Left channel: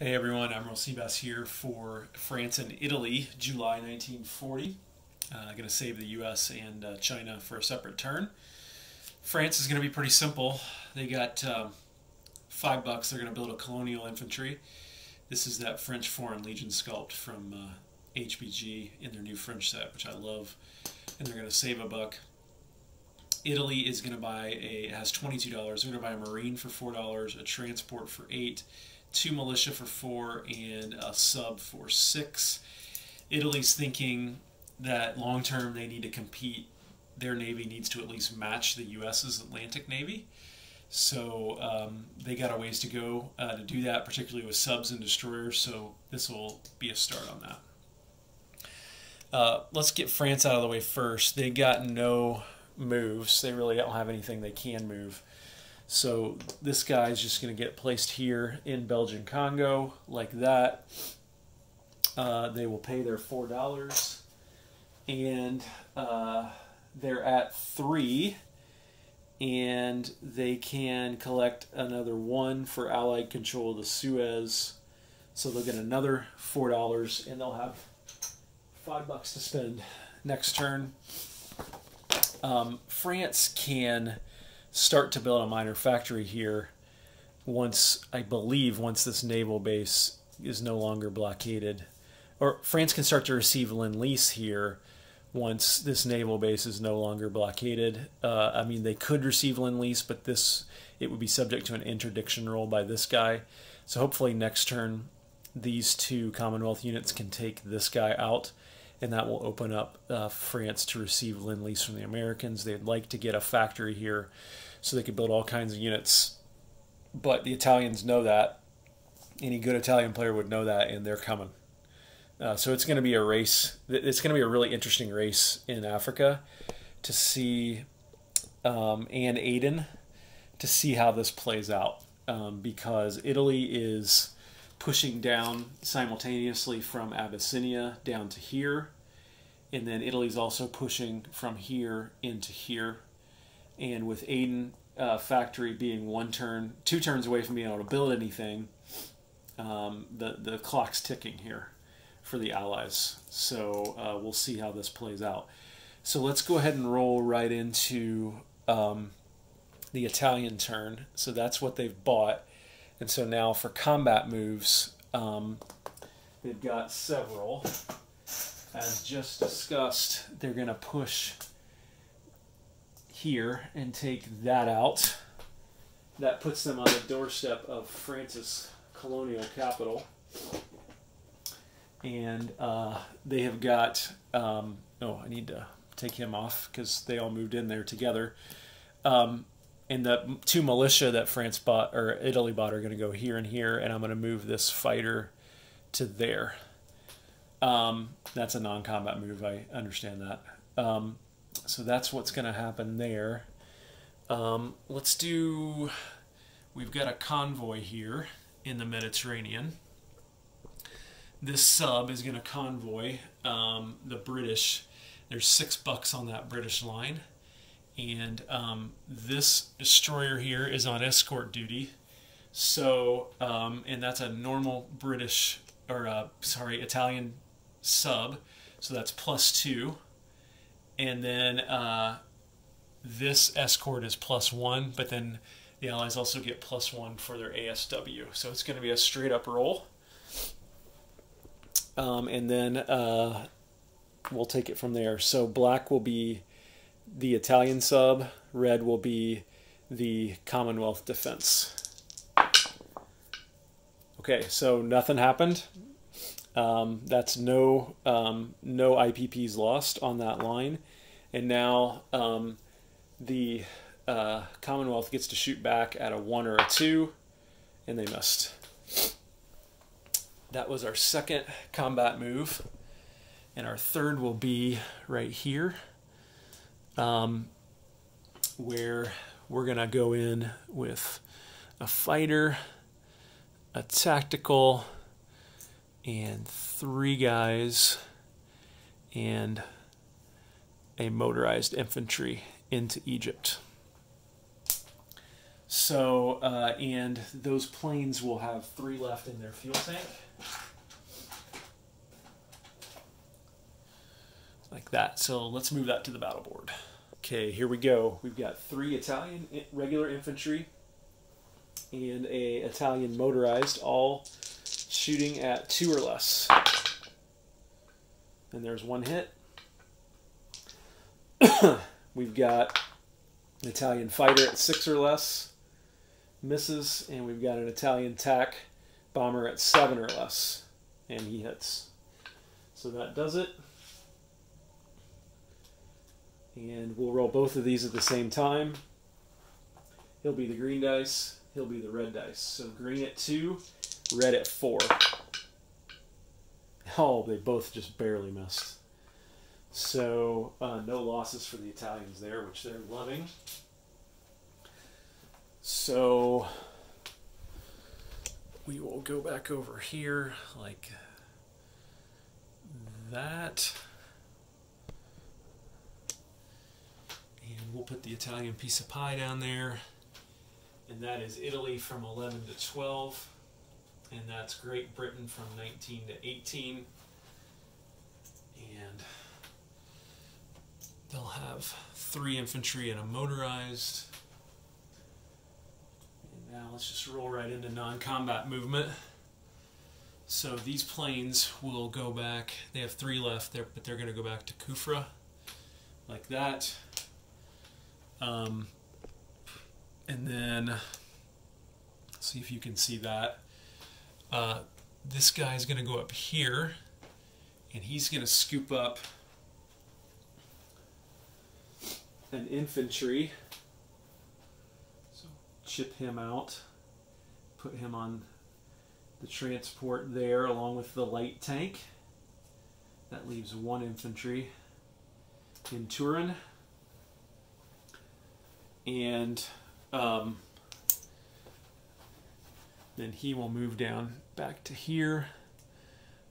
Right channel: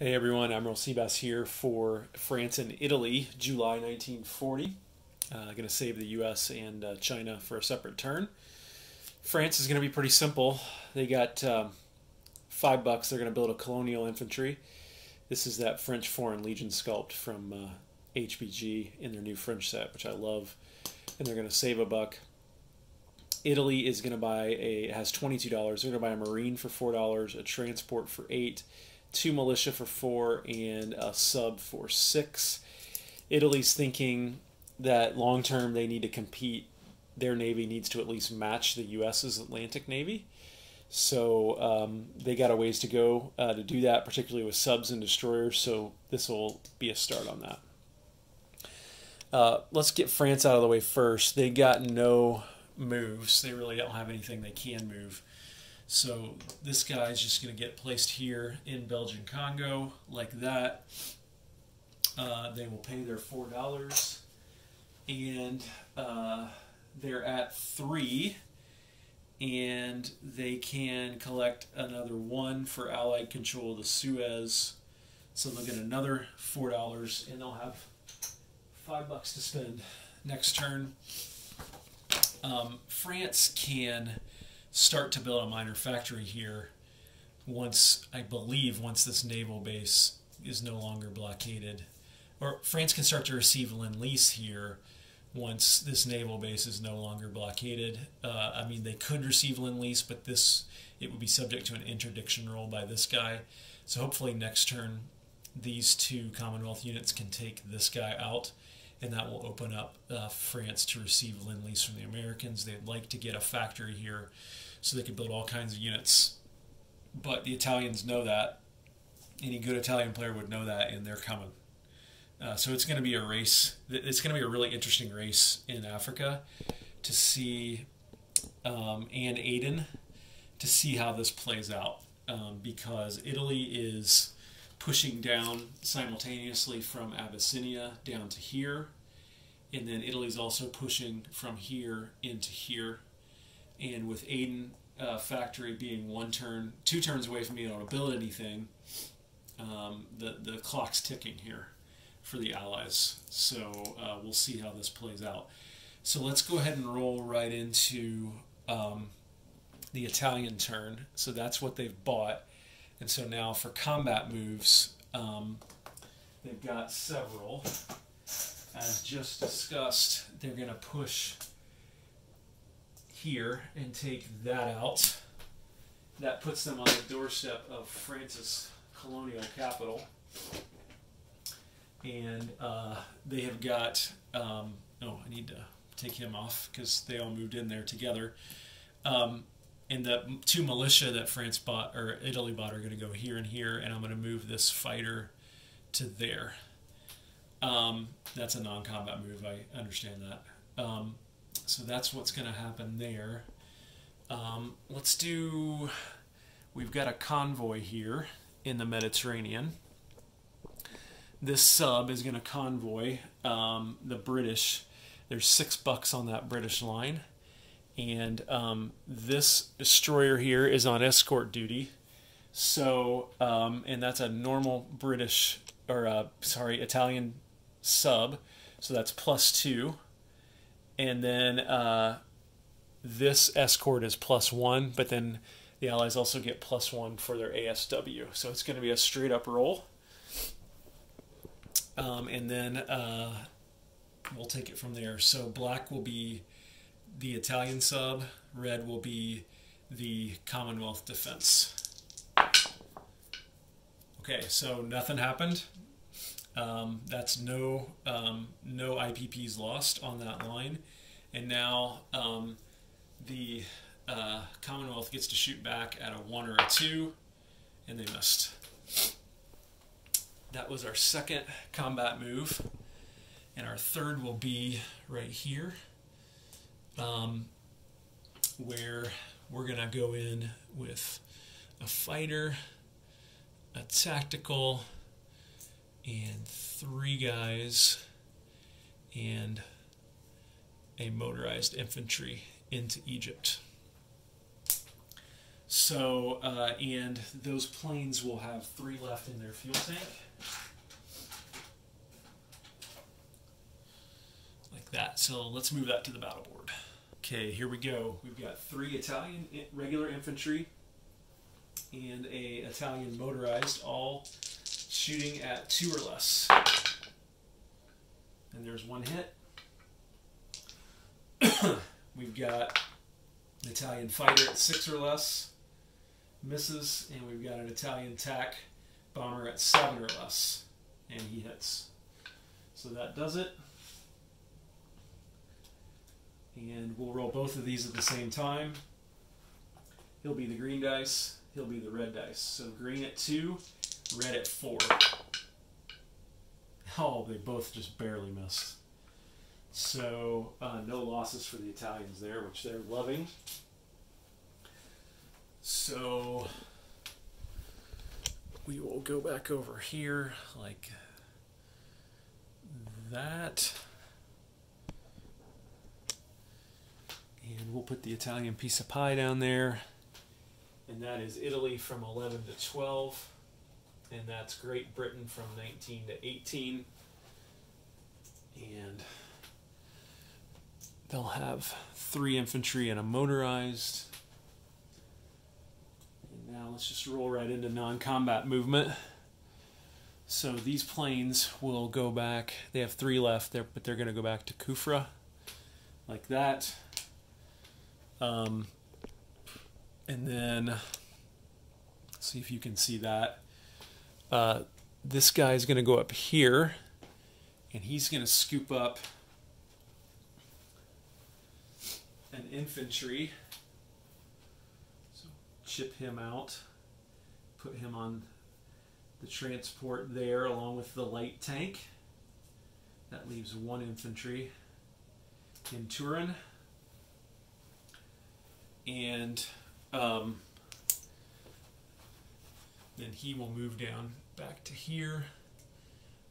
Hey everyone, Admiral Seabass here for France and Italy, July 1940. Going to save the U.S. and China for a separate turn. France is going to be pretty simple. They got $5. They're going to build a colonial infantry. This is that French Foreign Legion sculpt from HBG in their new French set, which I love. And they're going to save $1. Italy is going to buy has $22. They're going to buy a Marine for $4, a transport for $8, 2 militia for $4, and a sub for $6. Italy's thinking that long term they need to compete. Their navy needs to at least match the U.S.'s Atlantic Navy. So they got a ways to go to do that, particularly with subs and destroyers. So this will be a start on that. Let's get France out of the way first. They got no moves. They really don't have anything they can move. So this guy is just going to get placed here in Belgian Congo like that. They will pay their $4, and they're at 3, and they can collect another 1 for Allied control of the Suez. So they'll get another $4, and they'll have $5 to spend next turn. France can start to build a minor factory here once this naval base is no longer blockaded. Or France can start to receive Lend-Lease here once this naval base is no longer blockaded. I mean, they could receive Lend-Lease, but it would be subject to an interdiction roll by this guy. So hopefully next turn these two Commonwealth units can take this guy out, and that will open up France to receive Lend-Lease from the Americans. They'd like to get a factory here so they could build all kinds of units. But the Italians know that. Any good Italian player would know that, and they're coming. So it's going to be a race. It's going to be a really interesting race in Africa to see, and Aden, to see how this plays out. Because Italy is pushing down simultaneously from Abyssinia down to here. And then Italy's also pushing from here into here. And with Aden factory being 2 turns away from being able to build anything, the clock's ticking here for the Allies. So we'll see how this plays out. So let's go ahead and roll right into the Italian turn. So that's what they've bought. And so now for combat moves, they've got several. As just discussed, they're going to push here and take that out. That puts them on the doorstep of France's colonial capital. And they have got, oh, I need to take him off because they all moved in there together. And the 2 militia that France bought, or Italy bought, are going to go here and here, and I'm going to move this fighter to there. That's a non-combat move, I understand that. So that's what's going to happen there. We've got a convoy here in the Mediterranean. This sub is going to convoy the British. There's $6 on that British line. And this destroyer here is on escort duty. So, and that's a normal British, or Italian sub. So that's +2. And then this escort is +1, but then the Allies also get +1 for their ASW. So it's going to be a straight up roll. And then we'll take it from there. So black will be the Italian sub, red will be the Commonwealth defense. Okay, so nothing happened. That's no IPPs lost on that line. And now the Commonwealth gets to shoot back at a 1 or a 2, and they missed. That was our second combat move. And our third will be right here, where we're going to go in with a fighter, a tactical, and 3 guys, and a motorized infantry into Egypt. So, and those planes will have 3 left in their fuel tank. Like that. So let's move that to the battle board. Okay, here we go. We've got 3 Italian regular infantry and a Italian motorized, all shooting at 2 or less. And there's 1 hit. We've got an Italian fighter at 6 or less. Misses. And we've got an Italian TAC bomber at 7 or less. And he hits. So that does it. And we'll roll both of these at the same time. He'll be the green dice. He'll be the red dice. So green at 2, red at 4. Oh, they both just barely missed. So no losses for the Italians there, which they're loving. So we will go back over here like that. And we'll put the Italian piece of pie down there. And that is Italy from 11 to 12. And that's Great Britain from 19 to 18. And they'll have 3 infantry and a motorized. And now let's just roll right into non-combat movement. So these planes will go back. They have 3 left there, but they're going to go back to Kufra. Like that. And then, see if you can see that. This guy's going to go up here, and he's going to scoop up an infantry. So chip him out, put him on the transport there along with the light tank. That leaves 1 infantry in Turin. And then he will move down back to here,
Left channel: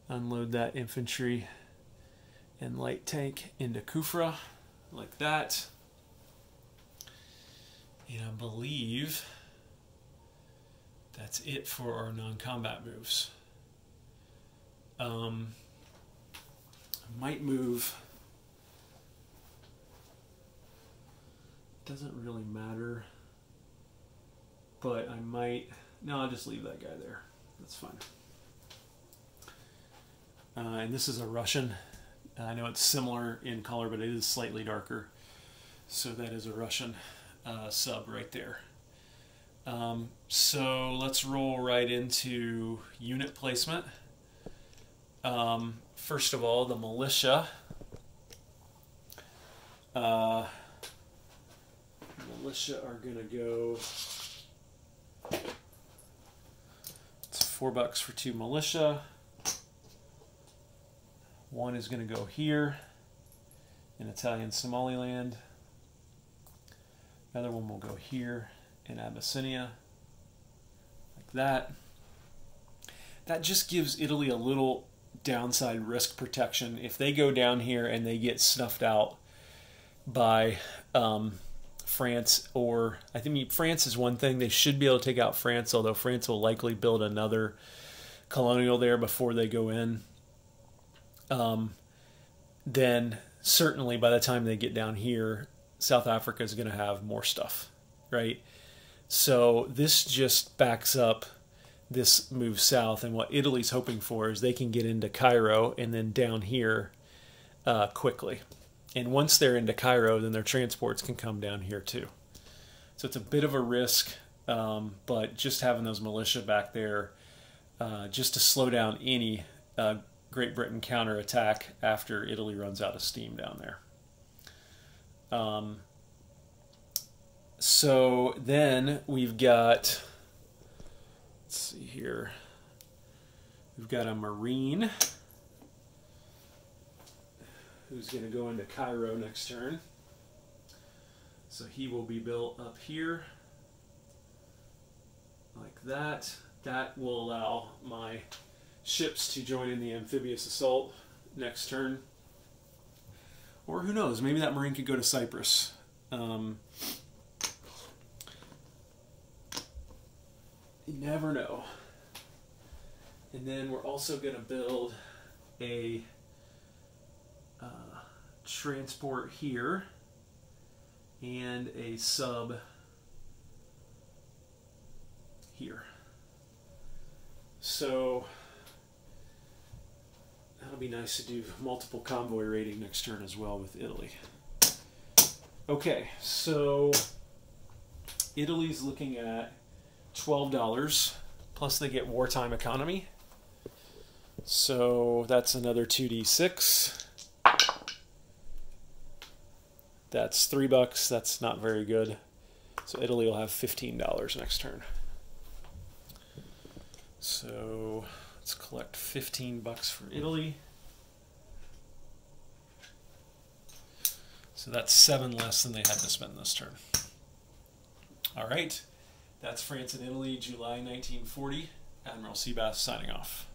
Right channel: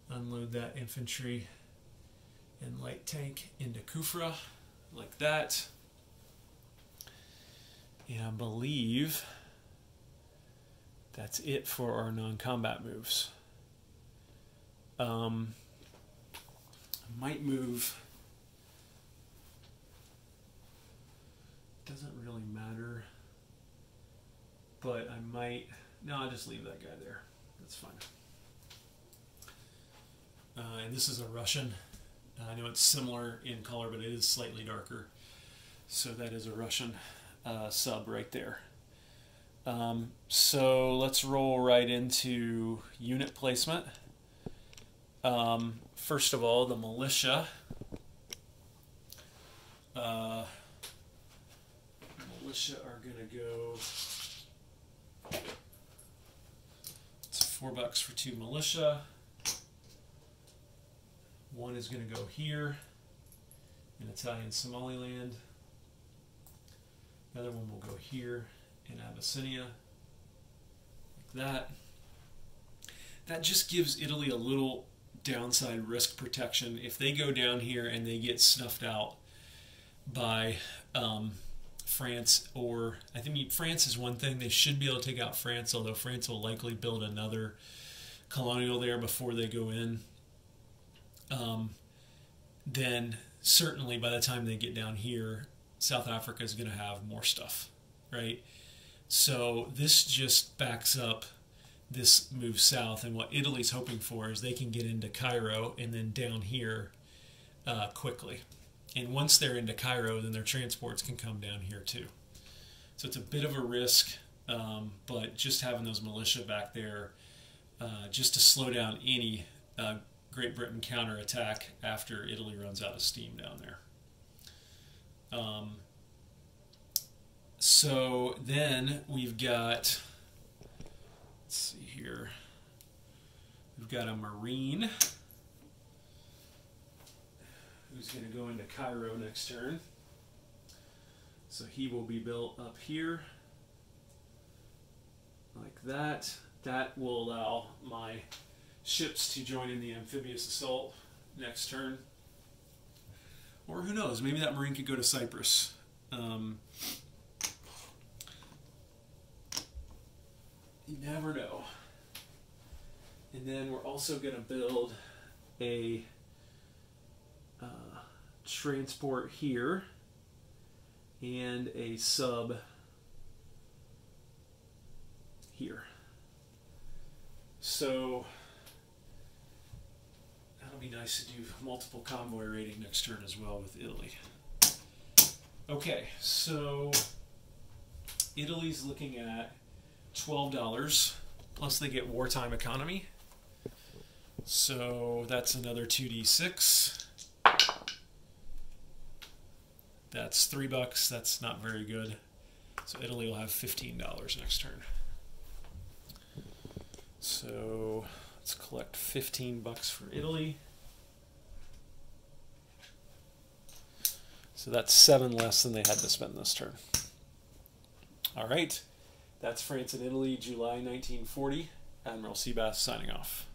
unload that infantry and light tank into Kufra, like that. And I believe that's it for our non-combat moves. I might move. Doesn't really matter, but I might. No, I'll just leave that guy there. That's fine. And this is a Russian. I know it's similar in color, but it is slightly darker. So that is a Russian sub right there. So let's roll right into unit placement. First of all, the militia. Militia are going to go. It's $4 for 2 militia. 1 is going to go here in Italian Somaliland. Another one will go here in Abyssinia, like that. That just gives Italy a little downside risk protection. If they go down here and they get snuffed out by France, or I think France is one thing. They should be able to take out France, although France will likely build another colonial there before they go in. Then certainly by the time they get down here, South Africa is going to have more stuff, right? So this just backs up this move south, and what Italy's hoping for is they can get into Cairo and then down here quickly. And once they're into Cairo, then their transports can come down here too. So it's a bit of a risk, but just having those militia back there just to slow down any Great Britain counterattack after Italy runs out of steam down there. So then we've got, let's see here, we've got a Marine who's going to go into Cairo next turn. So he will be built up here like that. That will allow my ships to join in the amphibious assault next turn. Or who knows, maybe that Marine could go to Cyprus. You never know. And then we're also going to build a transport here and a sub here. So that'll be nice to do multiple convoy raiding next turn as well with Italy. Okay, so Italy's looking at $12, plus they get wartime economy. So that's another 2d6. That's $3. That's not very good. So Italy will have $15 next turn. So let's collect $15 for Italy. So that's 7 less than they had to spend this turn. All right. That's France and Italy, July 1940. Admiral Seabass signing off.